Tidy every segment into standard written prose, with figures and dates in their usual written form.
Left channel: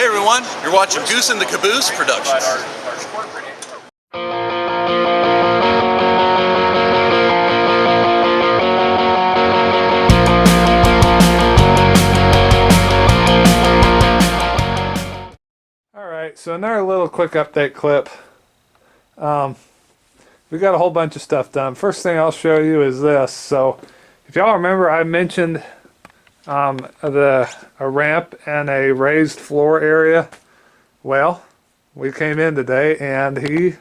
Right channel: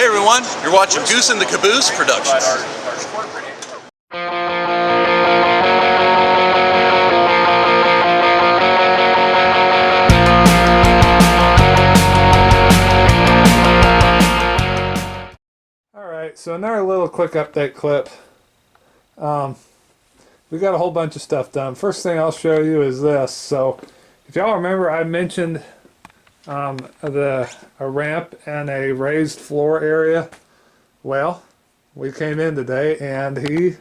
Hey everyone, you're watching Goose and the Caboose Productions. Alright, so another little quick update clip. We got a whole bunch of stuff done. First thing I'll show you is this. So if y'all remember, I mentioned a ramp and a raised floor area. Well, we came in today and he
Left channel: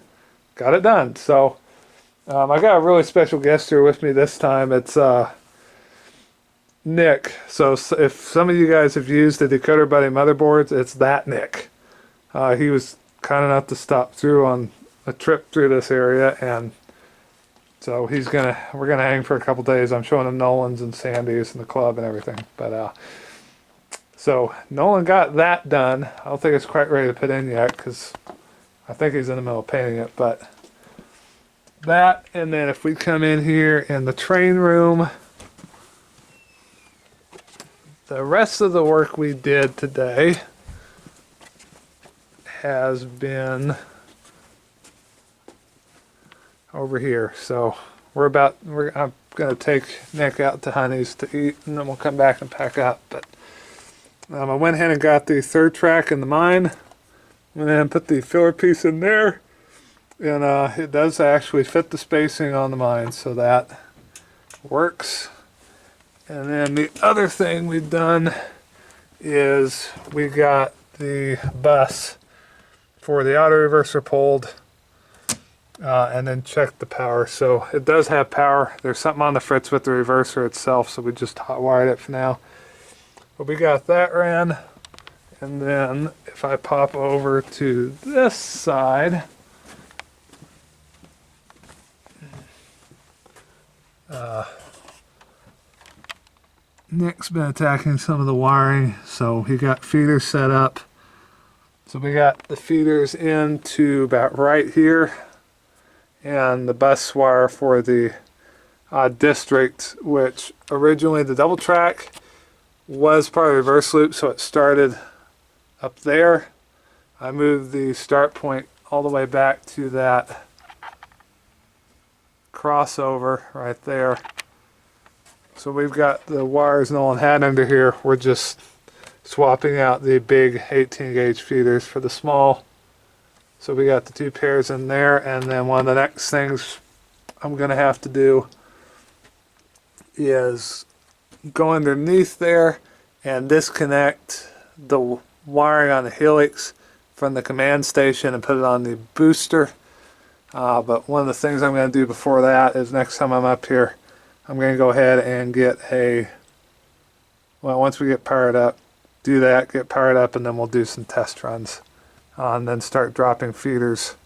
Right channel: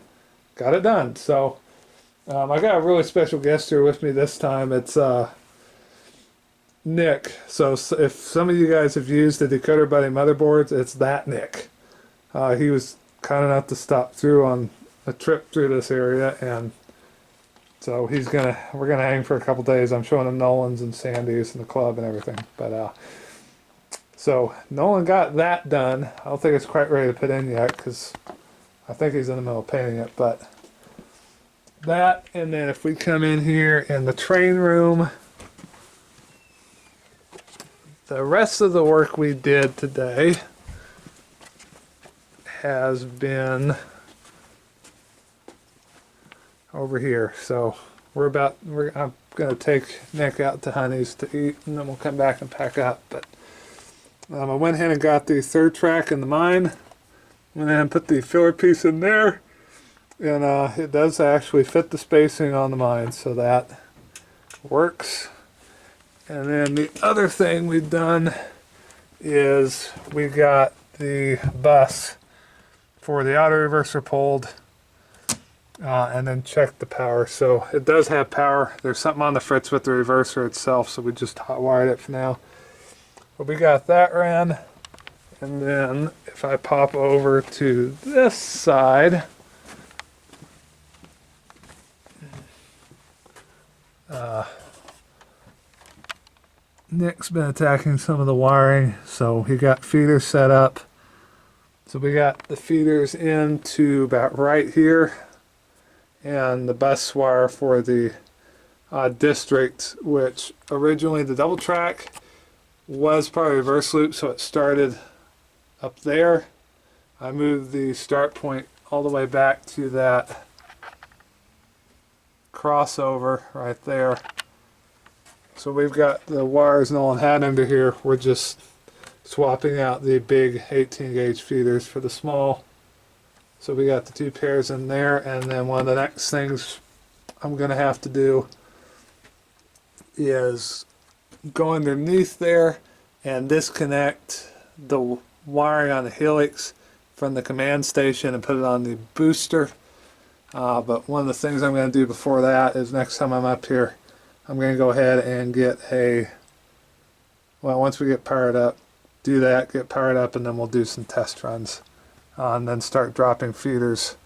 got it done. So I got a really special guest here with me this time. It's Nick. So if some of you guys have used the Decoder Buddy motherboards, it's that Nick. He was kind enough to stop through on a trip through this area, and so we're gonna hang for a couple days. I'm showing him Nolan's and Sandy's and the club and everything. But so Nolan got that done. I don't think it's quite ready to put in yet because I think he's in the middle of painting it. But that, and then if we come in here in the train room, the rest of the work we did today has been over here. So I'm gonna take Nick out to Honey's to eat, and then we'll come back and pack up. But I went ahead and got the third track in the mine, went ahead and put the filler piece in there, and it does actually fit the spacing on the mine, so that works. And then the other thing we've done is we got the bus for the auto reverser pulled, and then checked the power. So it does have power. There's something on the fritz with the reverser itself, so we just hot wired it for now. But we got that ran, and then if I pop over to this side, Nick's been attacking some of the wiring, so he got feeders set up. So we got the feeders into about right here, and the bus wire for the district, which originally the double track was part of reverse loop, so it started up there. I moved the start point all the way back to that crossover right there. So we've got the wires Nolan had under here. We're just swapping out the big 18 gauge feeders for the small. So we got the two pairs in there, and then one of the next things I'm gonna have to do is go underneath there and disconnect the wiring on the helix from the command station and put it on the booster. But one of the things I'm going to do before that is next time I'm up here, I'm going to go ahead and once we get powered up, do that, get powered up, and then we'll do some test runs. And then start dropping feeders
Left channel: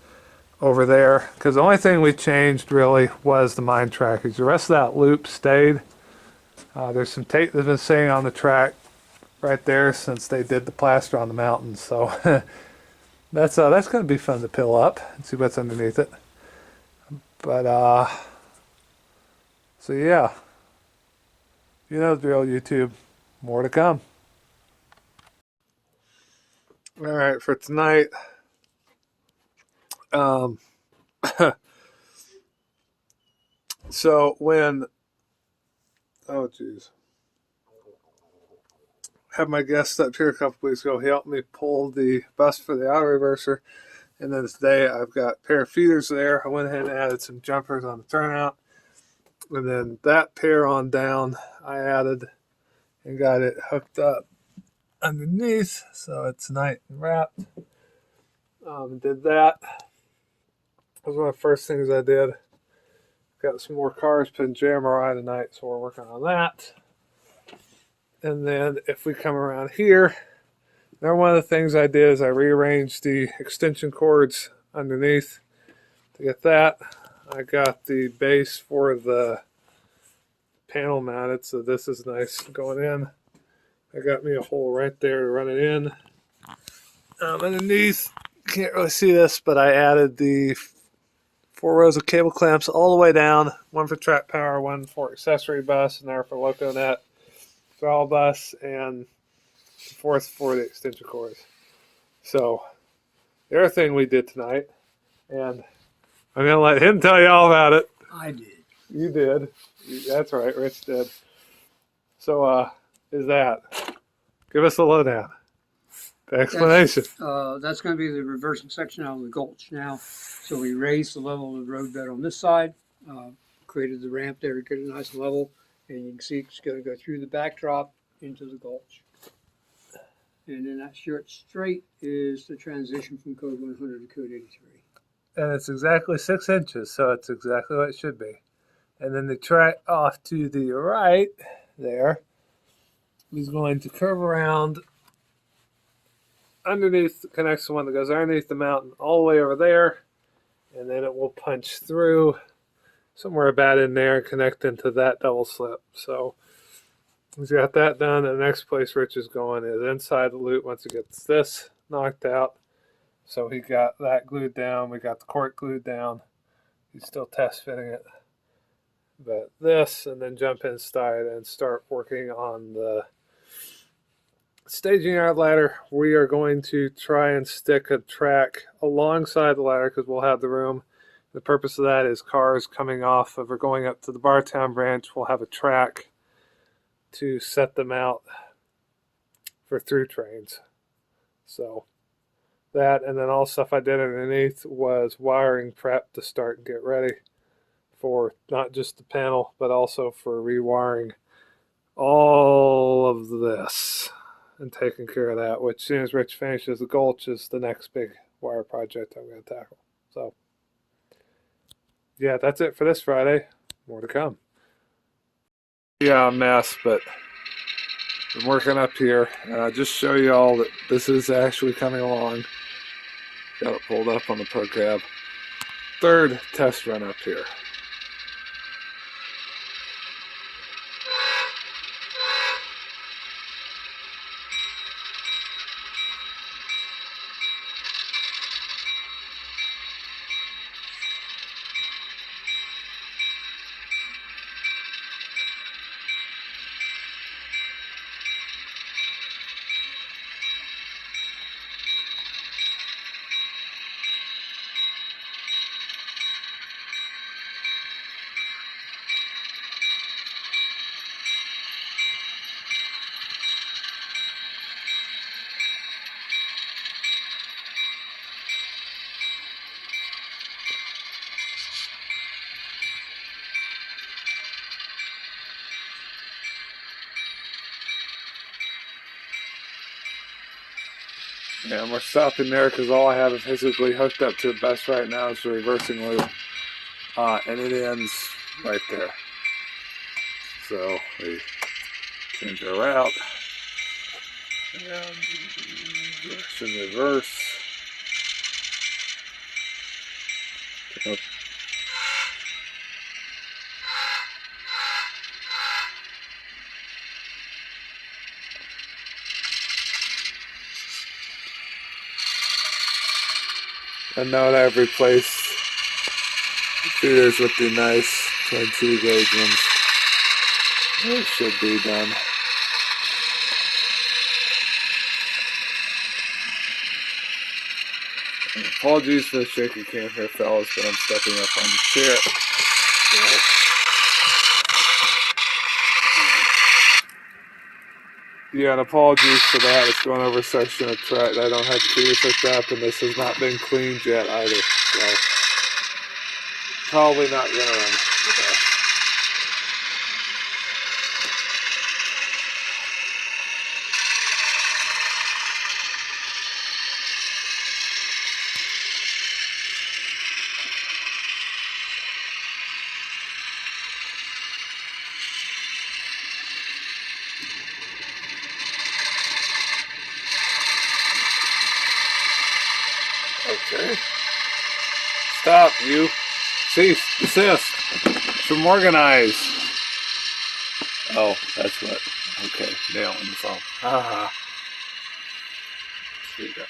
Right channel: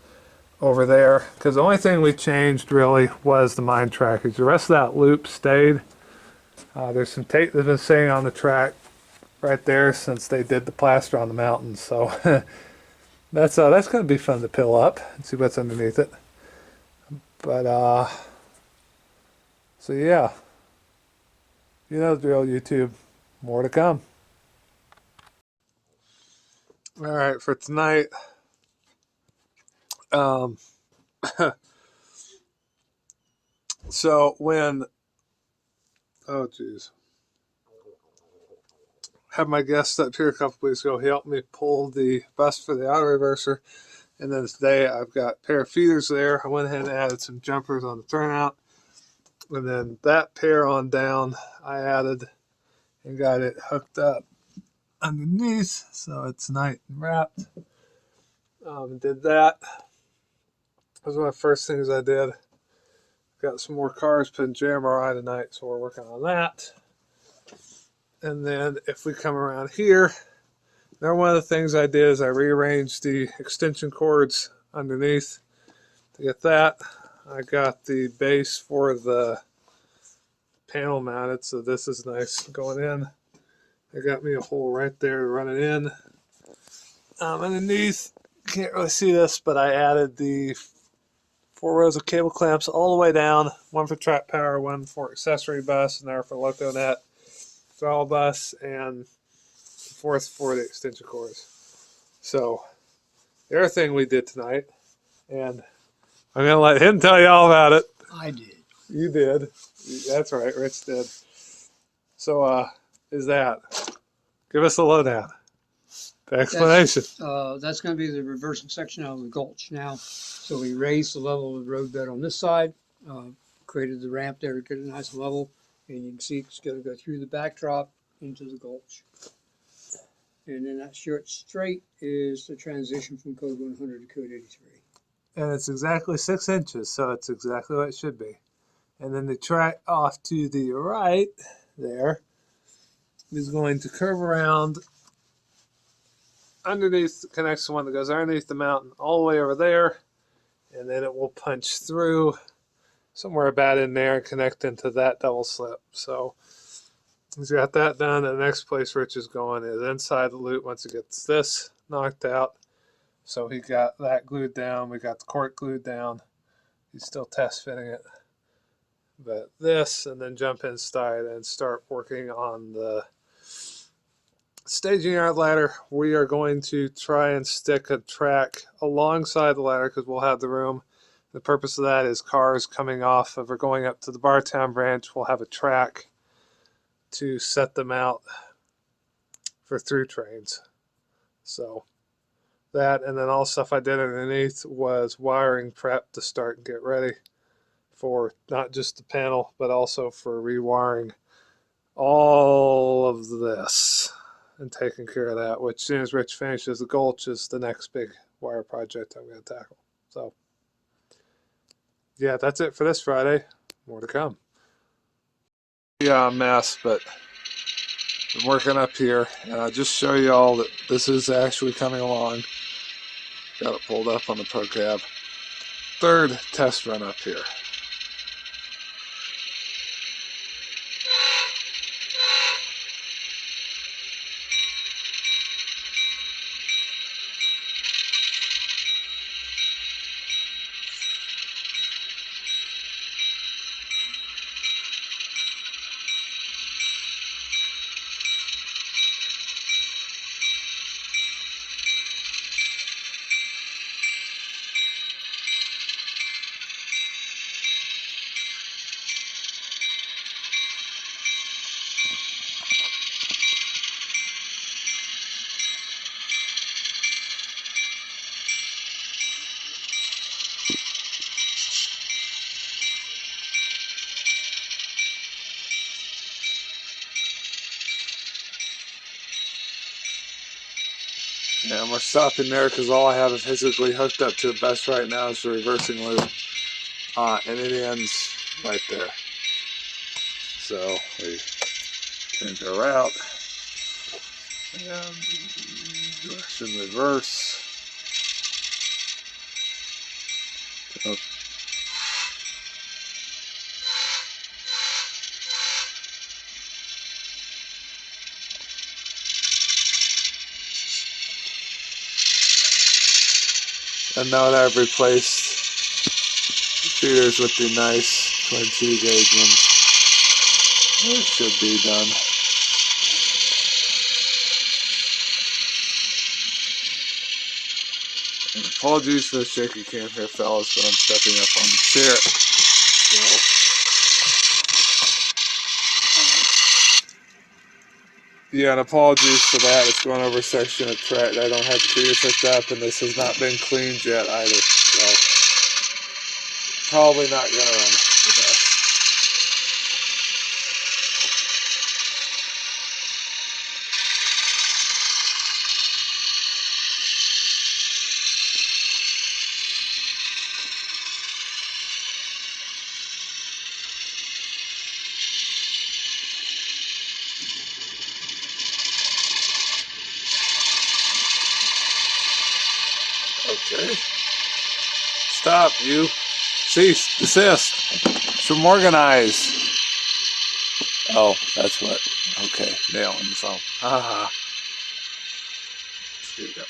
over there. Because the only thing we changed really was the mine trackage. The rest of that loop stayed. There's some tape that's been sitting on the track right there since they did the plaster on the mountain. So that's going to be fun to peel up and see what's underneath it. But so yeah, you know the drill, YouTube. More to come. All right, for tonight, so had my guest up here a couple weeks ago. He helped me pull the bus for the auto reverser, and then today I've got a pair of feeders there. I went ahead and added some jumpers on the turnout, and then that pair on down I added and got it hooked up underneath, so it's nice and wrapped. Did that. That was one of the first things I did. Got some more cars put in JMRI tonight, so we're working on that. And then if we come around here, now one of the things I did is I rearranged the extension cords underneath to get that. I got the base for the panel mounted, so this is nice going in. I got me a hole right there to run it in. Underneath, you can't really see this, but I added the 4 rows of cable clamps all the way down, one for track power, one for accessory bus, another for LocoNet, throttle bus, and fourth for the extension cords. So, the other thing we did tonight, and I'm going to let him tell you all about it. I did. You did. That's right, Rich did. So, is that. Give us a lowdown. The explanation. That's going to be the reversing section out of the gulch now. So we raised the level of the roadbed on this side, created the ramp there to get it nice and level, and you can see it's going to go through the backdrop into the gulch. And then that short straight is the transition from code 100 to code 83. And it's exactly 6 inches, so it's exactly what it should be. And then the track off to the right there is going to curve around underneath, connects to one that goes underneath the mountain all the way over there, and then it will punch through somewhere about in there and connect into that double slip. So he's got that done. And the next place Rich is going is inside the loop once he gets this knocked out. So he got that glued down. We got the cork glued down. He's still test fitting it. But this, and then jump inside and start working on the staging yard ladder. We are going to try and stick a track alongside the ladder because we'll have the room. The purpose of that is cars coming off of or going up to the Bartown branch. We'll have a track to set them out for through trains. So that, and then all stuff I did underneath was wiring prep to start and get ready for not just the panel, but also for rewiring all of this and taking care of that, which as soon as Rich finishes the gulch is the next big wire project I'm going to tackle. So yeah, that's it for this Friday. More to come. Yeah, a mess, but I'm working up here, and I'll just show you all that this is actually coming along. Got it pulled up on the pro cab. Third test run up here. Yeah, and we're stopping there because all I have physically hooked up to the best right now is the reversing loop. And it ends right there. So we change our route. And direction reverse. Up. And now that I've replaced feeders with the nice 22 gauge ones, it should be done. And apologies for the shaky cam here, fellas, but I'm stepping up on the chair. So, yeah, and apologies for that. It's going over a section of track. I don't have the feeders hooked up, and this has not been cleaned yet either. So, probably not going to run the best. Okay. Stop, you. Cease. Desist. From organize. Oh, that's what. Okay. Nail on the phone. Ah. Here we go.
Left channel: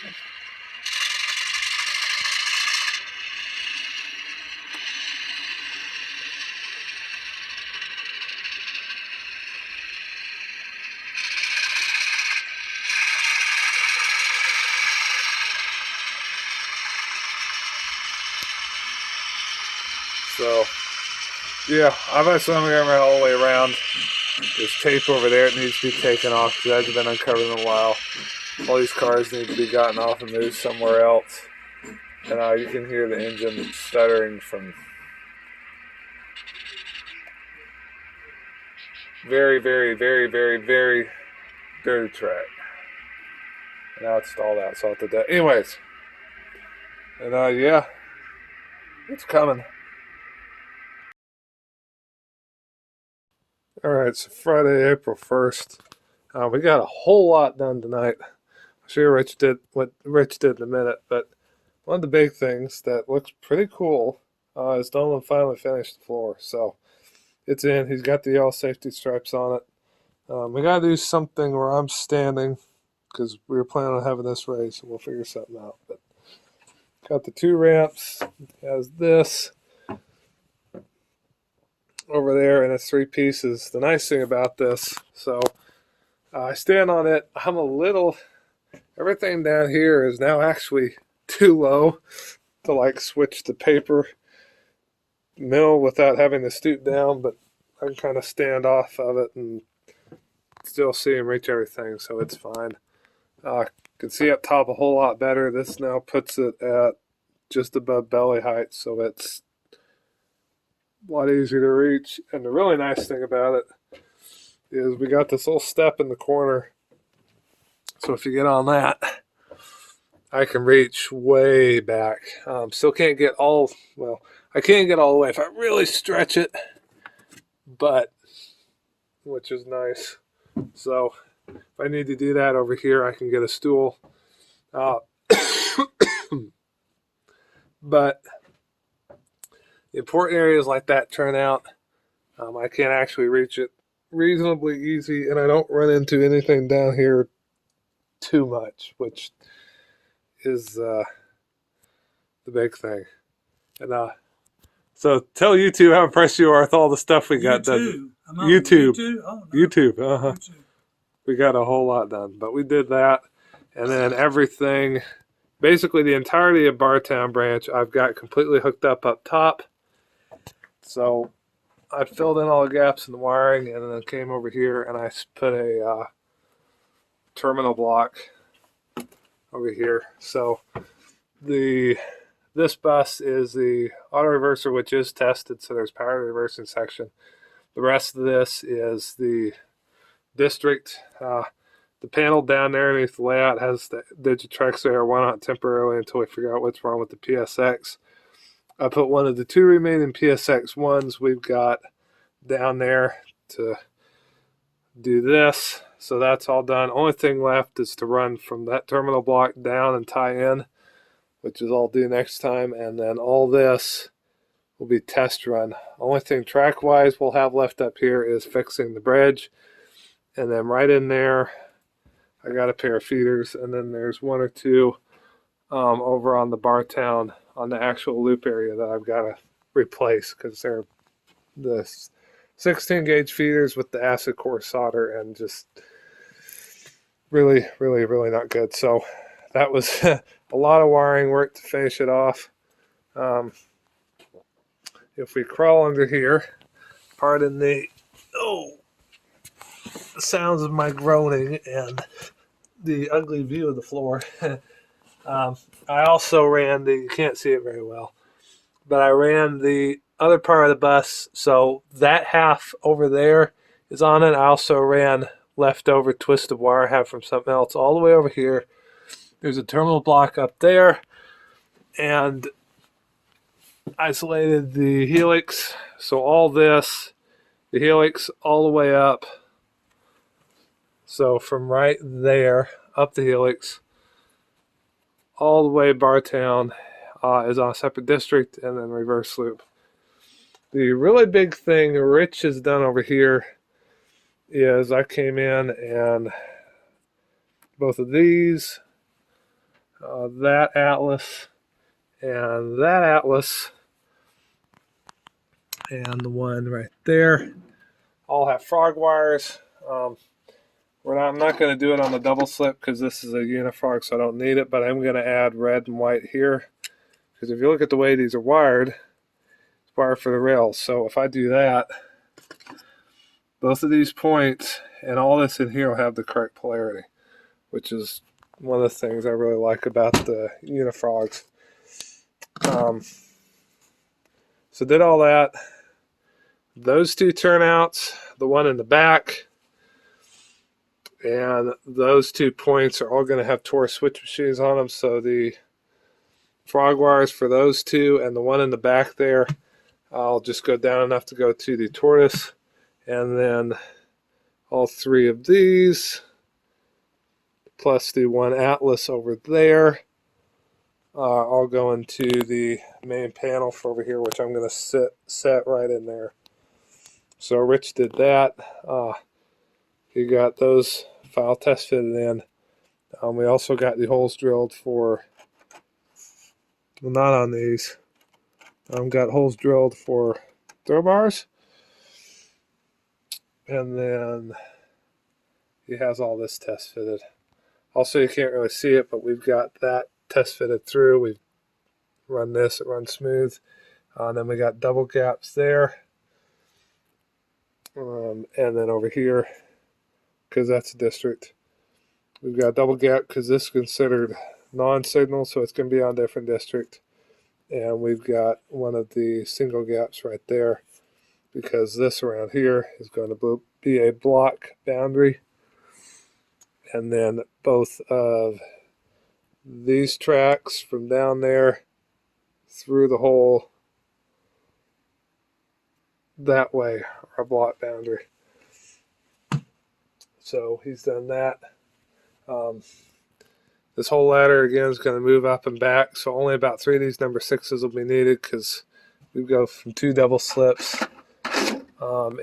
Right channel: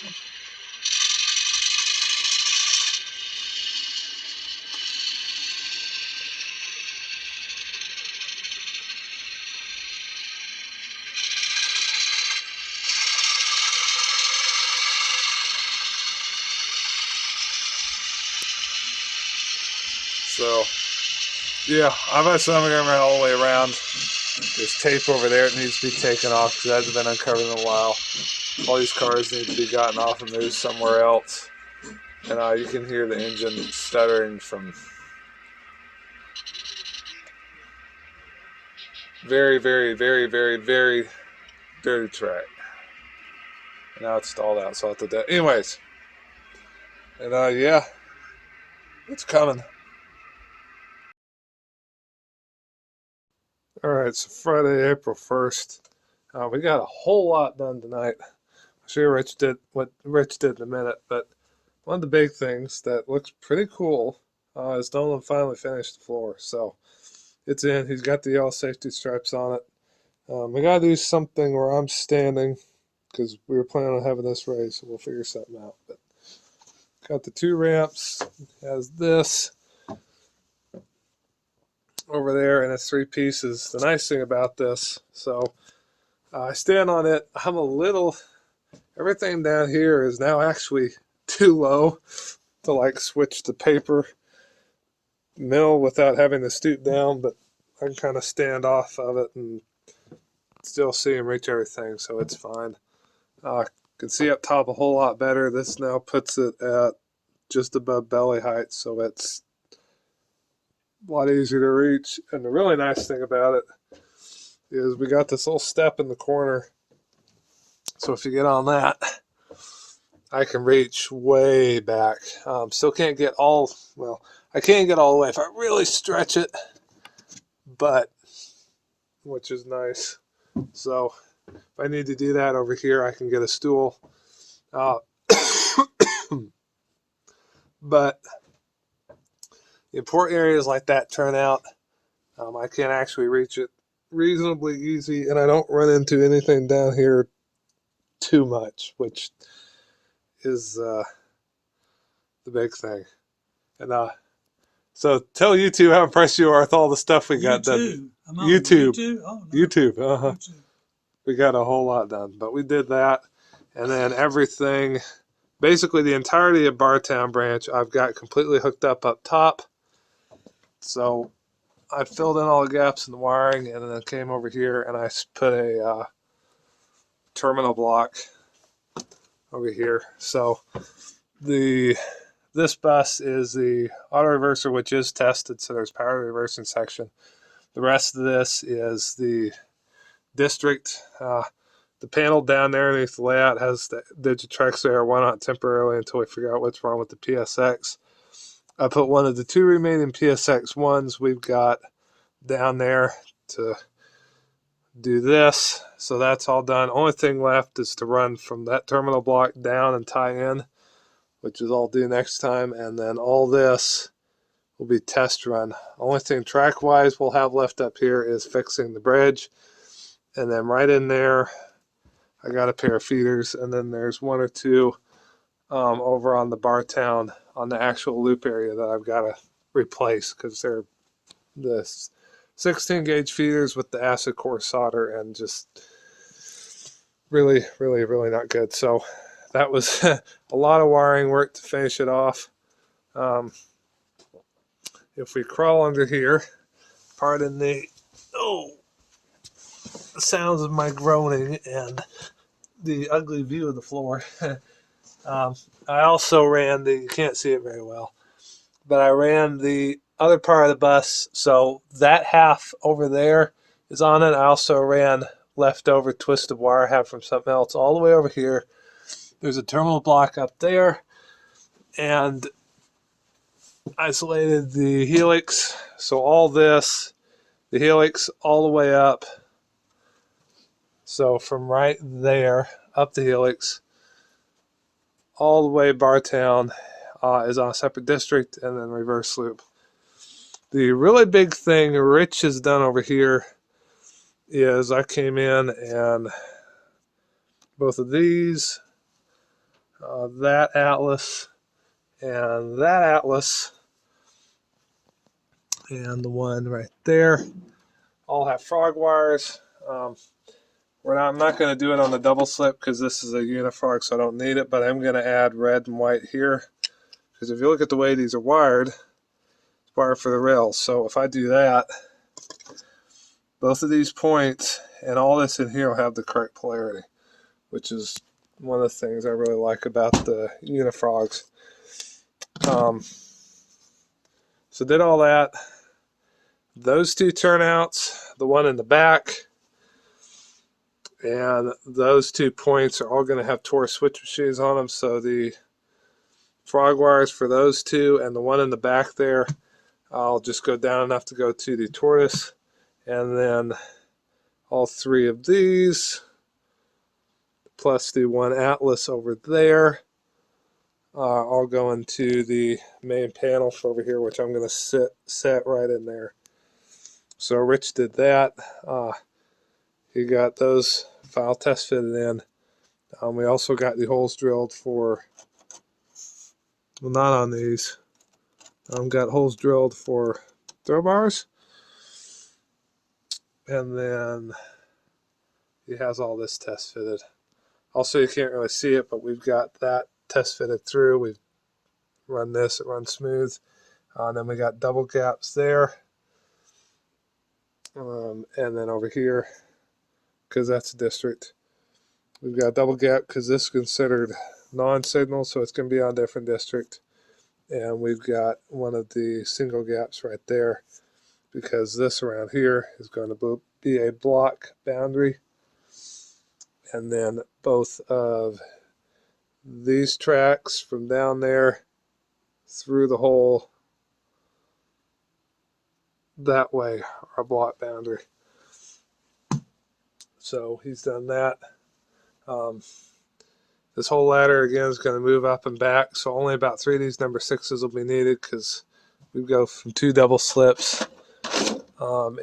So yeah, I'm assuming I'm going all the way around. There's tape over there that needs to be taken off because it hasn't been uncovered in a while. All these cars need to be gotten off and moved somewhere else. And you can hear the engine stuttering from very, very, very, very, very dirty track. Now it's stalled out, so I'll have to do that. Anyways, and yeah, it's coming. Alright, so Friday, April 1st. We got a whole lot done tonight. I'm sure Rich did what Rich did in a minute, but one of the big things that looks pretty cool is Nolan finally finished the floor. So it's in. He's got the yellow safety stripes on it. We got to do something where I'm standing because we were planning on having this race. So we'll figure something out. But got the 2 ramps. Has this over there, and it's 3 pieces. The nice thing about this, so I stand on it. I'm a little. Everything down here is now actually too low to like switch the paper mill without having to stoop down, but I can kind of stand off of it and still see and reach everything, so it's fine. Can see up top a whole lot better. This now puts it at just above belly height, so it's a lot easier to reach. And the really nice thing about it is we got this little step in the corner, so if you get on that, I can reach way back. Still can't get all, well, I can't get all the way if I really stretch it, but, which is nice. So if I need to do that over here, I can get a stool. But the important areas like that turn out. I can actually reach it reasonably easy, and I don't run into anything down here too much, which is the big thing. And so tell YouTube how impressed you are with all the stuff we got done. YouTube. Oh, no. YouTube. YouTube. We got a whole lot done, but we did that, and then everything, basically the entirety of Bartown branch, I've got completely hooked up top. So I filled in all the gaps in the wiring, and then came over here and I put a terminal block over here. So this bus is the auto reverser, which is tested, so there's power reversing section. The rest of this is the district. The panel down there underneath the layout has the Digitrex there. Why not temporarily until we figure out what's wrong with the PSX? I put one of the 2 remaining PSX ones we've got down there to do this. So that's all done. Only thing left is to run from that terminal block down and tie in, which is all due next time. And then all this will be test run. Only thing track wise we'll have left up here is fixing the bridge. And then right in there, I got a pair of feeders, and then there's 1 or 2 over on the Bartown on the actual loop area that I've got to replace because they're the 16 gauge feeders with the acid core solder and just really, really, really not good. So that was a lot of wiring work to finish it off. If we crawl under here, pardon the sounds of my groaning and the ugly view of the floor. I also ran you can't see it very well, but I ran the other part of the bus, so that half over there is on it. I also ran leftover twisted wire I have from something else all the way over here. There's a terminal block up there, and isolated the helix, so all this, the helix all the way up. So from right there up the helix all the way Bartown is on a separate district, and then reverse loop. The really big thing Rich has done over here is I came in and both of these, that Atlas and that Atlas, and the one right there, all have frog wires. I'm not going to do it on the double slip because this is a unifrog, so I don't need it, but I'm going to add red and white here, because if you look at the way these are wired, it's wire for the rails. So if I do that, both of these points and all this in here will have the correct polarity, which is one of the things I really like about the Unifrogs. So did all that. Those two turnouts, the one in the back, and those 2 points are all going to have Torx switch machines on them. So the frog wires for those two and the one in the back there, I'll just go down enough to go to the tortoise, and then all 3 of these plus the one Atlas over there, I'll go into the main panel for over here, which I'm going to set right in there. So Rich did that. He got those file test fitted in. We also got the holes drilled for, well, not on these. Got holes drilled for throw bars. And then he has all this test fitted. Also, you can't really see it, but we've got that test fitted through. We've run this, it runs smooth. Then we got double gaps there. And then over here, because that's a district, we've got double gap because this is considered non-signal, so it's going to be on different district. And we've got one of the single gaps right there because this around here is going to be a block boundary. And then both of these tracks from down there through the hole that way are block boundary. So he's done that. This whole ladder again is going to move up and back, so only about 3 of these number 6s will be needed because we go from 2 double slips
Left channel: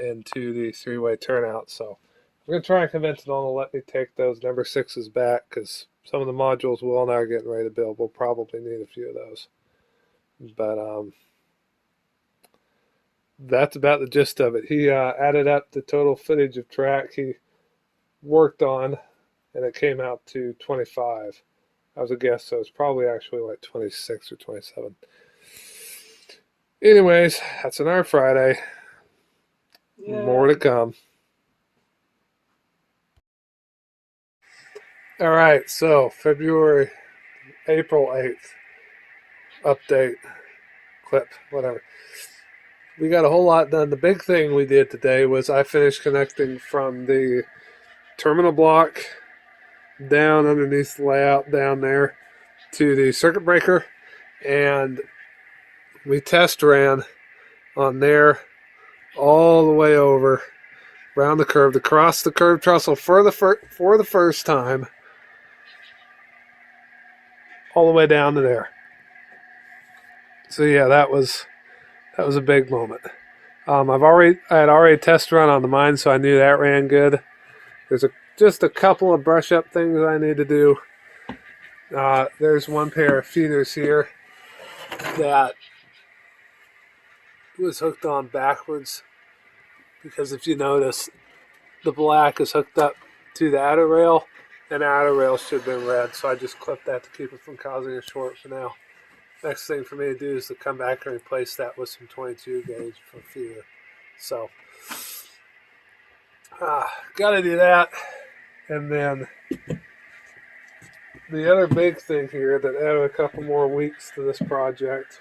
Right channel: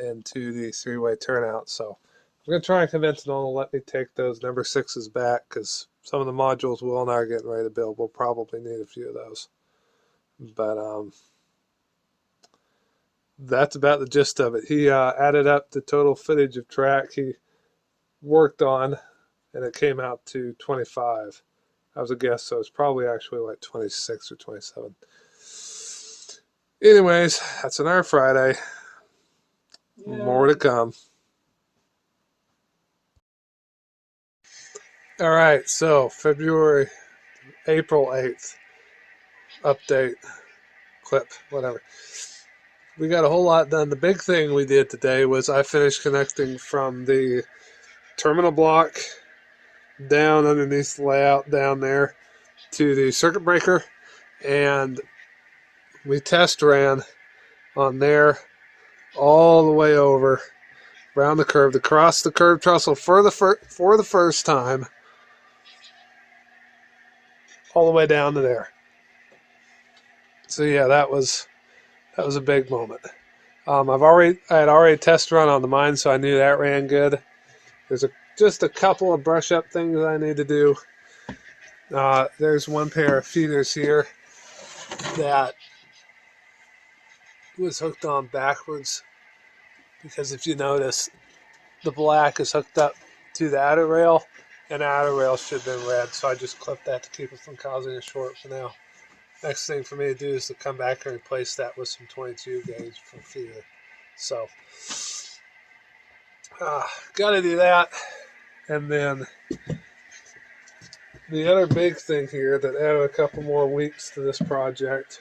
into the 3-way turnout. So I'm going to try and convince Nolan to let me take those number 6s back because some of the modules Will and I are getting ready to build. We'll probably need a few of those. But that's about the gist of it. He added up the total footage of track he worked on, and it came out to 25. I was a guess, so it's probably actually like 26 or 27. Anyways, that's another Friday. Yeah. More to come. All right, so April 8th, update, clip, whatever. We got a whole lot done. The big thing we did today was I finished connecting from the terminal block down underneath the layout down there to the circuit breaker, and we test ran on there all the way over around the curve to cross the curved trestle for the first time all the way down to there. So yeah, that was a big moment. I had already test run on the mine, so I knew that ran good. There's just a couple of brush up things that I need to do. There's one pair of feeders here that was hooked on backwards because if you notice, the black is hooked up to the outer rail, and the outer rail should have been red, so I just clipped that to keep it from causing a short for now. Next thing for me to do is to come back and replace that with some 22 gauge for feeder. So, gotta do that. And then the other big thing here that added a couple more weeks to this project,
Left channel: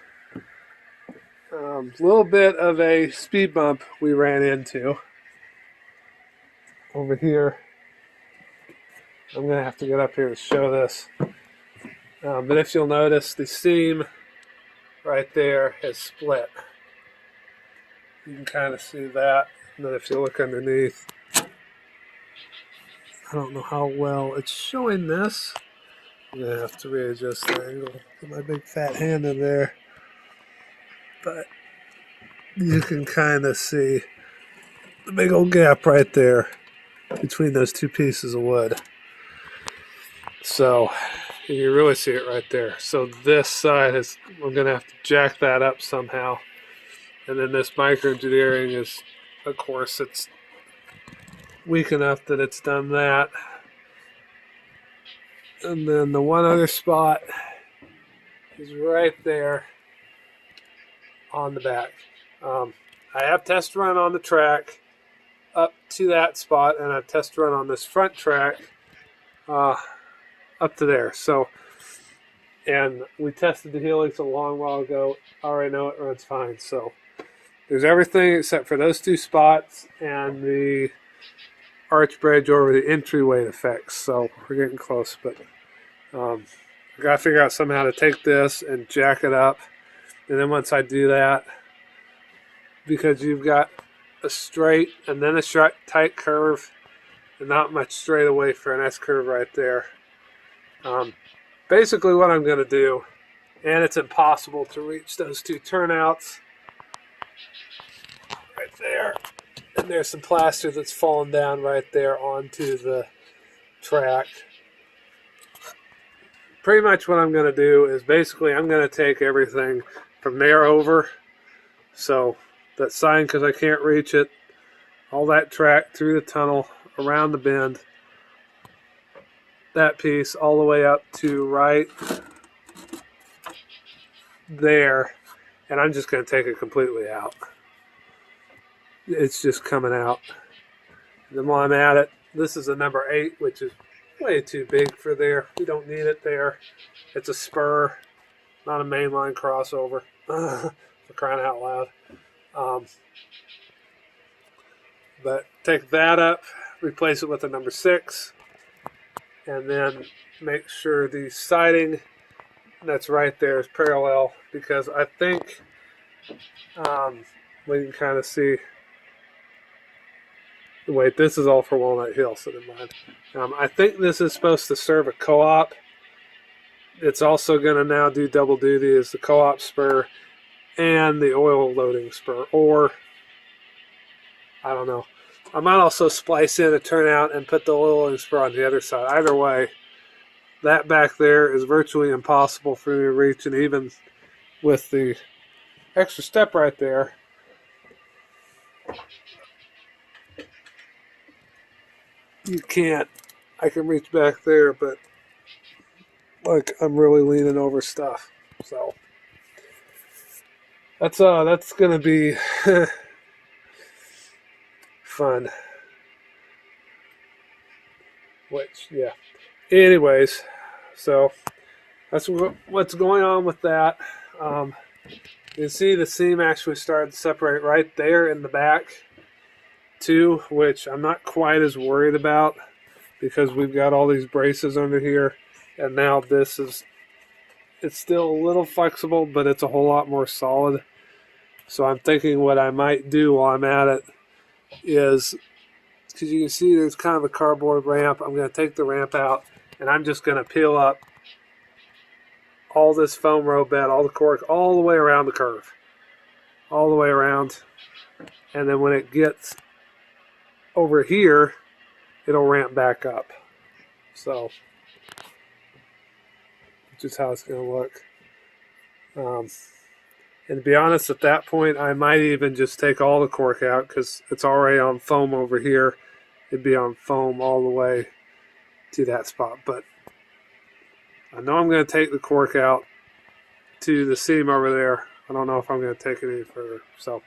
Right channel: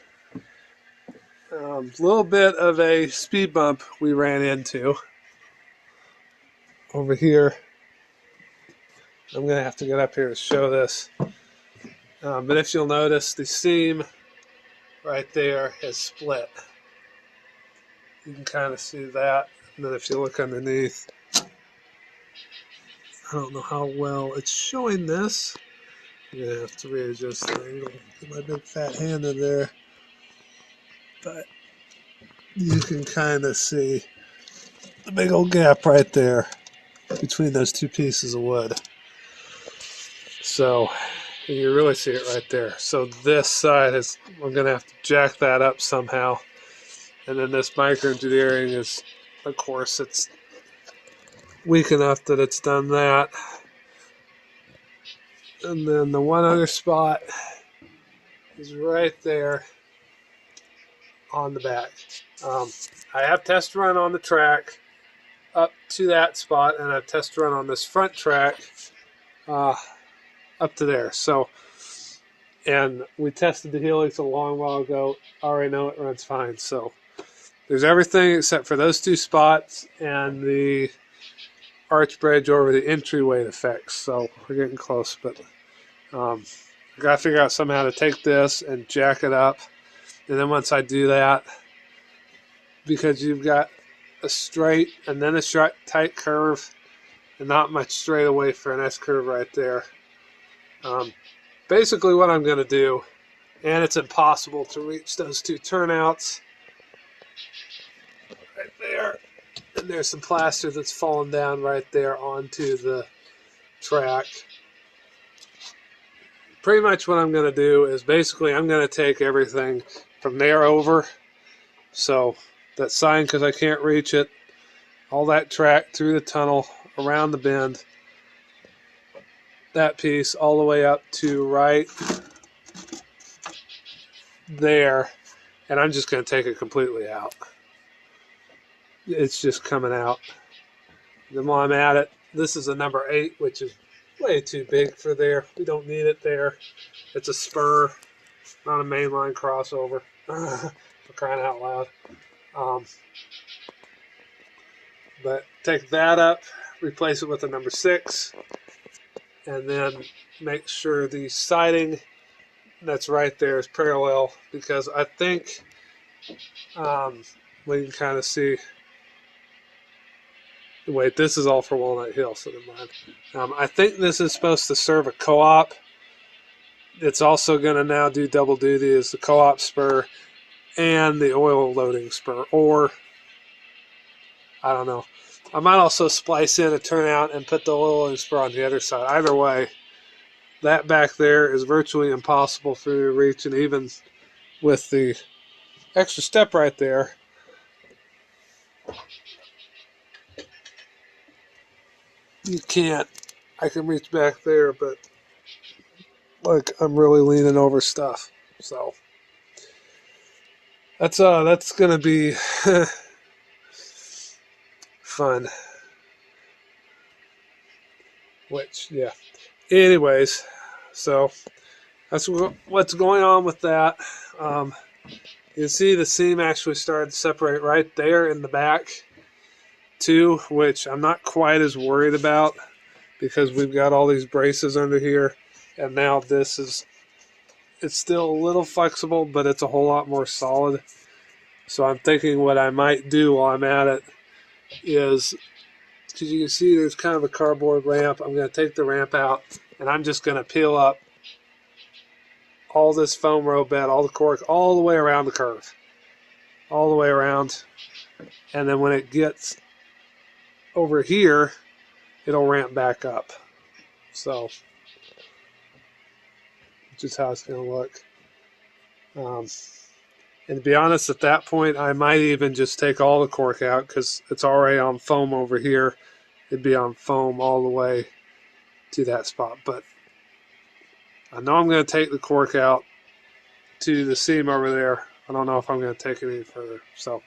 a little bit of a speed bump we ran into over here. I'm going to have to get up here to show this. But if you'll notice, the seam right there has split. You can kind of see that. And then if you look underneath, I don't know how well it's showing this. I'm going to have to readjust the angle. Get my big fat hand in there. But you can kind of see the big old gap right there between those two pieces of wood. So you can really see it right there. So this side is, we're going to have to jack that up somehow. And then this microengineering is, of course, it's weak enough that it's done that. And then the one other spot is right there. on the back. I have test run on the track up to that spot, and I've test run on this front track up to there. So, and we tested the helix a long while ago. I already know it runs fine. So there's everything except for those two spots and the arch bridge over the entryway to fix. So we're getting close, but I gotta figure out somehow to take this and jack it up. And then once I do that, because you've got a straight and then a tight curve and not much straightaway for an S curve right there. Basically what I'm going to do, and it's impossible to reach those two turnouts right there, and there's some plaster that's fallen down right there onto the track. Pretty much what I'm going to do is basically I'm going to take everything from there over, so that sign, because I can't reach it, all that track through the tunnel, around the bend, that piece all the way up to right there, and I'm just going to take it completely out. It's just coming out. And then while I'm at it, this is a number 8, which is way too big for there. We don't need it there. It's a spur, not a mainline crossover. For crying out loud. But take that up, replace it with a number 6, and then make sure the siding that's right there is parallel, because I think we can kind of see. Wait, this is all for Walnut Hill, so never mind. I think this is supposed to serve a co-op. It's also going to now do double duty as the co-op spur and the oil loading spur, or I don't know. I might also splice in a turnout and put the oil loading spur on the other side. Either way, that back there is virtually impossible for me to reach, and even with the extra step right there, you can't. I can reach back there, but like I'm really leaning over stuff. So that's gonna be fun. Which, yeah. Anyways, so that's what's going on with that. You can see the seam actually started to separate right there in the back too, which I'm not quite as worried about because we've got all these braces under here, and now it's still a little flexible, but it's a whole lot more solid. So I'm thinking what I might do while I'm at it is, because you can see there's kind of a cardboard ramp, I'm going to take the ramp out and I'm just going to peel up all this foam road bed, all the cork, all the way around the curve, all the way around, and then when it gets over here, it'll ramp back up. So, which is how it's going to look. And to be honest, at that point, I might even just take all the cork out because it's already on foam over here. It'd be on foam all the way to that spot. But I know I'm going to take the cork out to the seam over there. I don't know if I'm going to take it any further. So,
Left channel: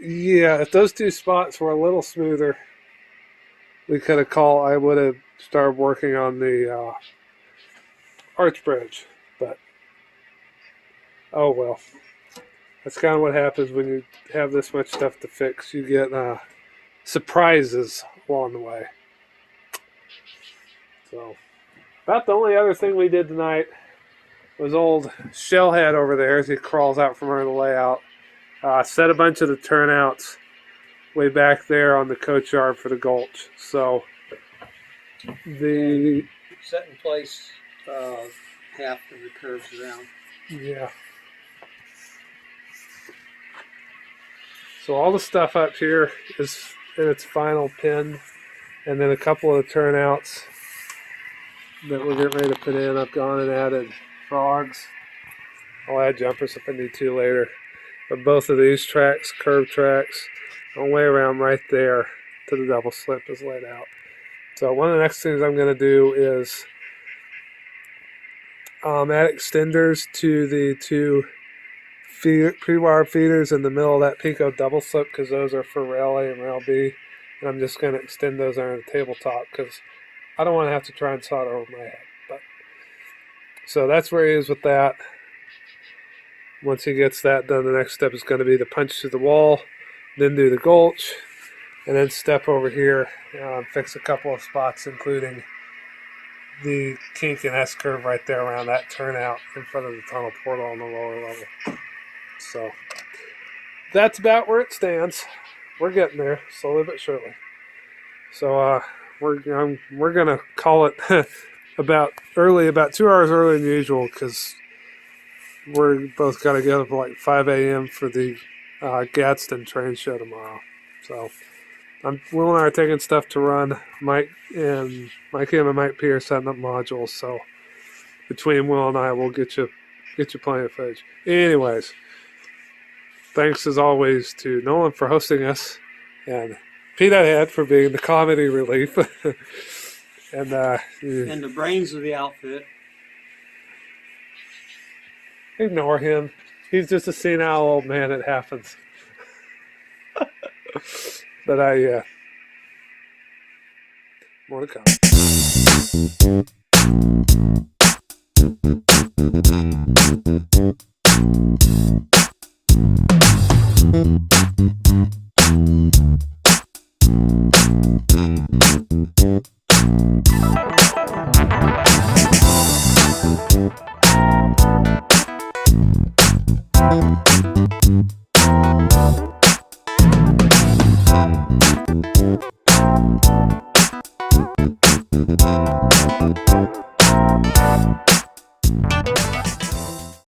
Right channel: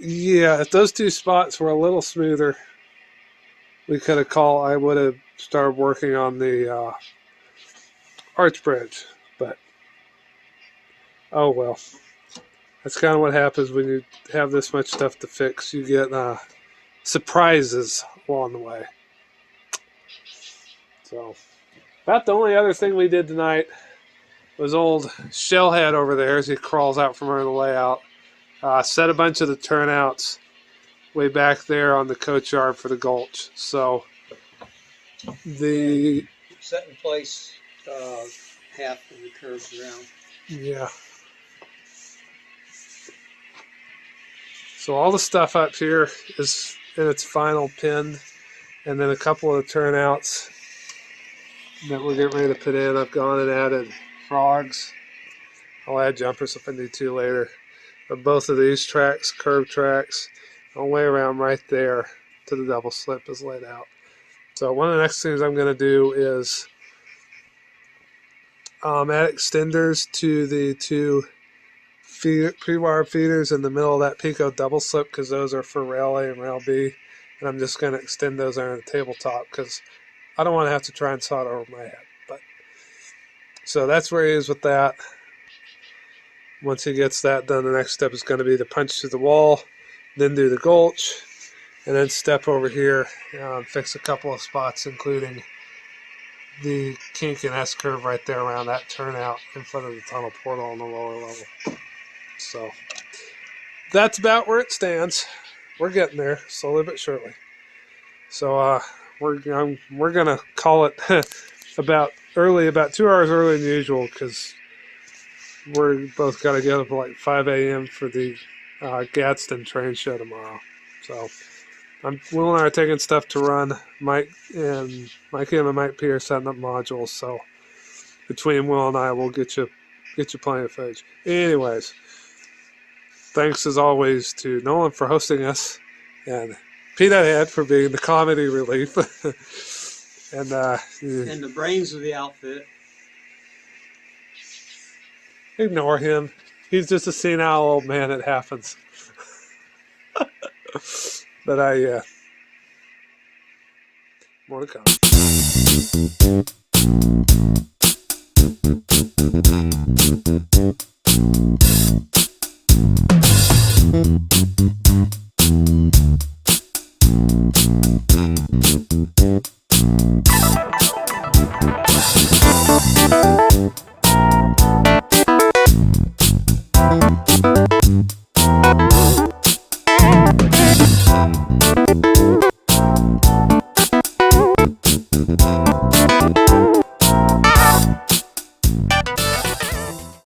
yeah, if those two spots were a little smoother, I would have started working on the arch bridge. But, oh well. That's kind of what happens when you have this much stuff to fix. You get surprises along the way. So, about the only other thing we did tonight was old Shellhead over there as he crawls out from under the layout. Set a bunch of the turnouts way back there on the coach yard for the gulch. So, the Set in place half of the curves around. Yeah. So all the stuff up here is in its final pin, and then a couple of turnouts that we're getting ready to put in. I've gone and added frogs. I'll add jumpers if I need to later. But both of these tracks, curved tracks, all the way around right there to the double slip is laid out. So one of the next things I'm going to do is add extenders to the two pre-wire feeders in the middle of that Pico double slip because those are for rail A and rail B. And I'm just going to extend those there on the tabletop because I don't want to have to try and solder over my head. But so that's where he is with that. Once he gets that done, the next step is going to be to punch through the wall, then do the gulch, and then step over here and fix a couple of spots, including the kink and S-curve right there around that turnout in front of the tunnel portal on the lower level. So that's about where it stands. We're getting there, slowly but surely. So we're gonna call it about 2 hours earlier than usual because we're both gotta get up at like 5 a.m. for the Gadsden train show tomorrow. So Will and I are taking stuff to run. Mike and Mike P are setting up modules. So between Will and I, we'll get you plenty of footage. Anyways, thanks as always to Nolan for hosting us, and Peanut Head for being the comedy relief, and the brains of the outfit. Ignore him. He's just a senile old man. It happens. But more to come.